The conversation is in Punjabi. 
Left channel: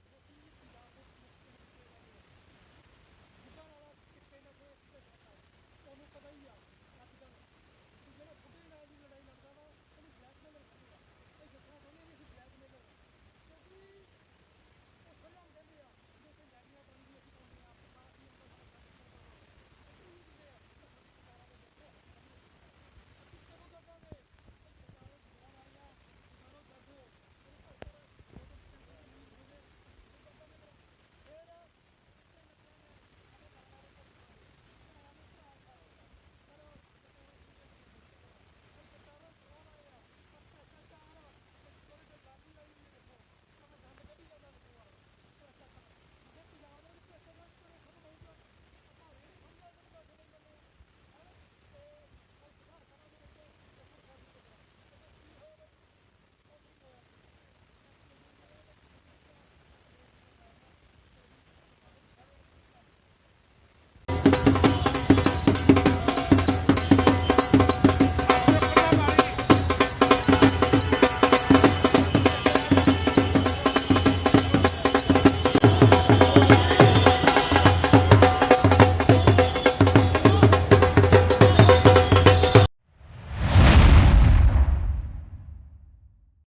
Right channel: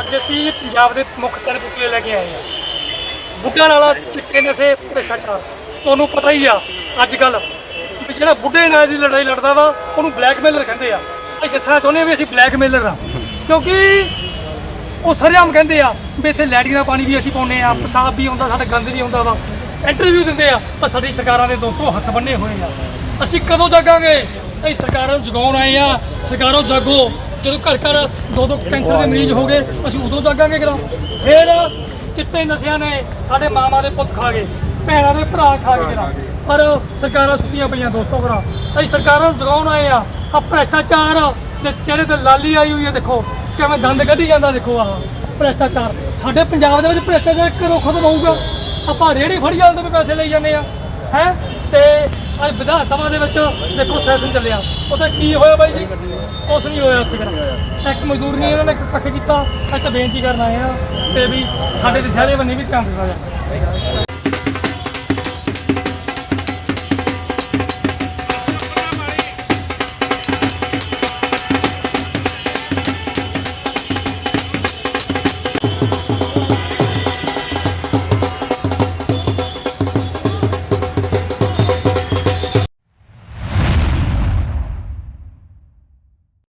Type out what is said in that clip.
ਅੱਜ ਅਸੀਂ ਪੰਜਾਬ ਦੇ ਮੁੱਖ ਤਿੰਨ ਪੁਤਲੇ ਲੈ ਕੇ ਆਏ ਹਾਂ। ਬੁੱਢਾ ਨਾਲਾ ਚਿੱਟੇ ਨਸ਼ੇ, ਭ੍ਰਿਸ਼ਟਾਚਾਰ, ਤੁਹਾਨੂੰ ਪਤਾ ਹੀ ਆ। ਅੱਜ ਕੱਲ ਵੀ ਜਿਹੜਾ ਬੁੱਢੇ ਨਾਲ ਦੀ ਲੜਾਈ ਲੜਦਾ ਵਾ, ਉਹਨੂੰ ਬਲੈਕਮੇਲਰ ਕਹਿੰਦੇ ਆ। ਅਸੀਂ ਦੱਸਣਾ ਚਾਹੁੰਦੇ ਹਾਂ ਵੀ ਅਸੀਂ ਬਲੈਕਮੇਲਰ ਆ। ਕਿਉਂਕਿ ਉਹ ਸਰੇਆਮ ਕਹਿੰਦੇ ਆ ਵੀ ਇੱਥੇ ਲੈਟਰਿਨ ਦਾ ਪਾਣੀ ਵੀ ਅਸੀਂ ਪਾਉਂਦੇ ਆ ਪਿਸ਼ਾਬ ਵੀ ਆਉਂਦਾ, ਸਾਡਾ ਗੰਦ ਵੀ ਆਉਂਦਾ ਵਾ। ਇੰਟਰਵਿਊ ਦਿੰਦੇ ਆ ਪਰ ਸਾਡੀ ਸਰਕਾਰਾਂ ਦੇ ਦੋਸਤੋ ਹੱਥ ਬੰਨੇ ਹੋਏ ਆ। ਅਸੀਂ ਕਦੋਂ ਜਾਗਾਂਗੇ? ਅਸੀਂ ਸਰਕਾਰਾਂ ਨੂੰ ਜਗਾਉਣ ਆਏ ਆ। ਸਰਕਾਰੋਂ ਜਾਗੋ। ਜਦੋਂ ਘਰ ਘਰ ਦੋ ਦੋ ਕੈਂਸਰ ਦੇ ਮਰੀਜ਼ ਹੋ ਗਏ, ਅਸੀਂ ਉਦੋਂ ਜਾਗਾਂਗੇ ਕਿਦੋਂ? ਫਿਰ ਚਿੱਟੇ ਨਸ਼ਿਆਂ ਨੇ ਸਾਡੇ ਮਾਮਾ ਦੇ ਪੁੱਤ ਖਾ ਗਏ, ਭੈਣਾਂ ਦੇ ਭਰਾ ਖਾ ਗਏ ਕਿਦੋਂ? ਪਰ ਸਰਕਾਰਾਂ ਸੁੱਤੀਆਂ ਪਈਆਂ ਦੋਸਤੋ ਭਰਾ। ਅਸੀਂ ਸਰਕਾਰਾਂ ਨੂੰ ਜਗਾਉਣ ਆਏ ਆ ਆ ਭ੍ਰਸ਼ਟਾਚਾਰ ਦੇ ਚਿਹਰੇ ਤੇ ਲਾਲੀ ਆਈ ਹੋਈ ਹੈ ਦੇਖੋ, ਕਿਵੇਂ ਦੰਦ ਕੱਢੀ ਜਾਂਦਾ, ਦੇਖੋ, ਆਹ ਭ੍ਰਿਸ਼ਟਾਚਾਰ। ਸਾਡੇ ਪੰਜਾਬ ਦੇ ਵਿੱਚ ਭ੍ਰਸ਼ਟਾਚਾਰ ਕਦੋਂ ਖਤਮ ਹੋਊਗਾ ਆਪਾਂ ਰੇੜੀ ਫੜੀ ਵਾਲੇ ਤੋਂ ਵੀ ਪੈਸੇ ਲਈ ਜਾਂਦੇ ਆ, ਹੈ? ਤੇ ਅੱਜ ਵਿਧਾਨ ਸਭਾ ਦੇ ਵਿੱਚ ਦੇਖੋ ਸੈਸ਼ਨ ਚੱਲਿਆ। ਉੱਥੇ ਕੀ ਹੋਇਆ ਬਾਈ ਜੀ? ਕੁਛ ਨਹੀਂ ਹੋਇਆ ਉੱਥੇ ਕਿਹੜਾ ਇੱਕ ਮਜ਼ਦੂਰ ਨੇ ਇਹਨਾਂ ਨੇ ਕੱਖ ਕੀਤਾ। ਅੱਜ ਤਾਂ ਬੇਨਤੀ ਕਰਨ ਆਏ ਆ ਤੇ ਵੀ ਸਾਡੇ ਦੇ ਸਾਰੇ ਬੰਨੇ ਵੀ ਧਿਆਨ ਦਿੱਤਾ ਜਾਵੇ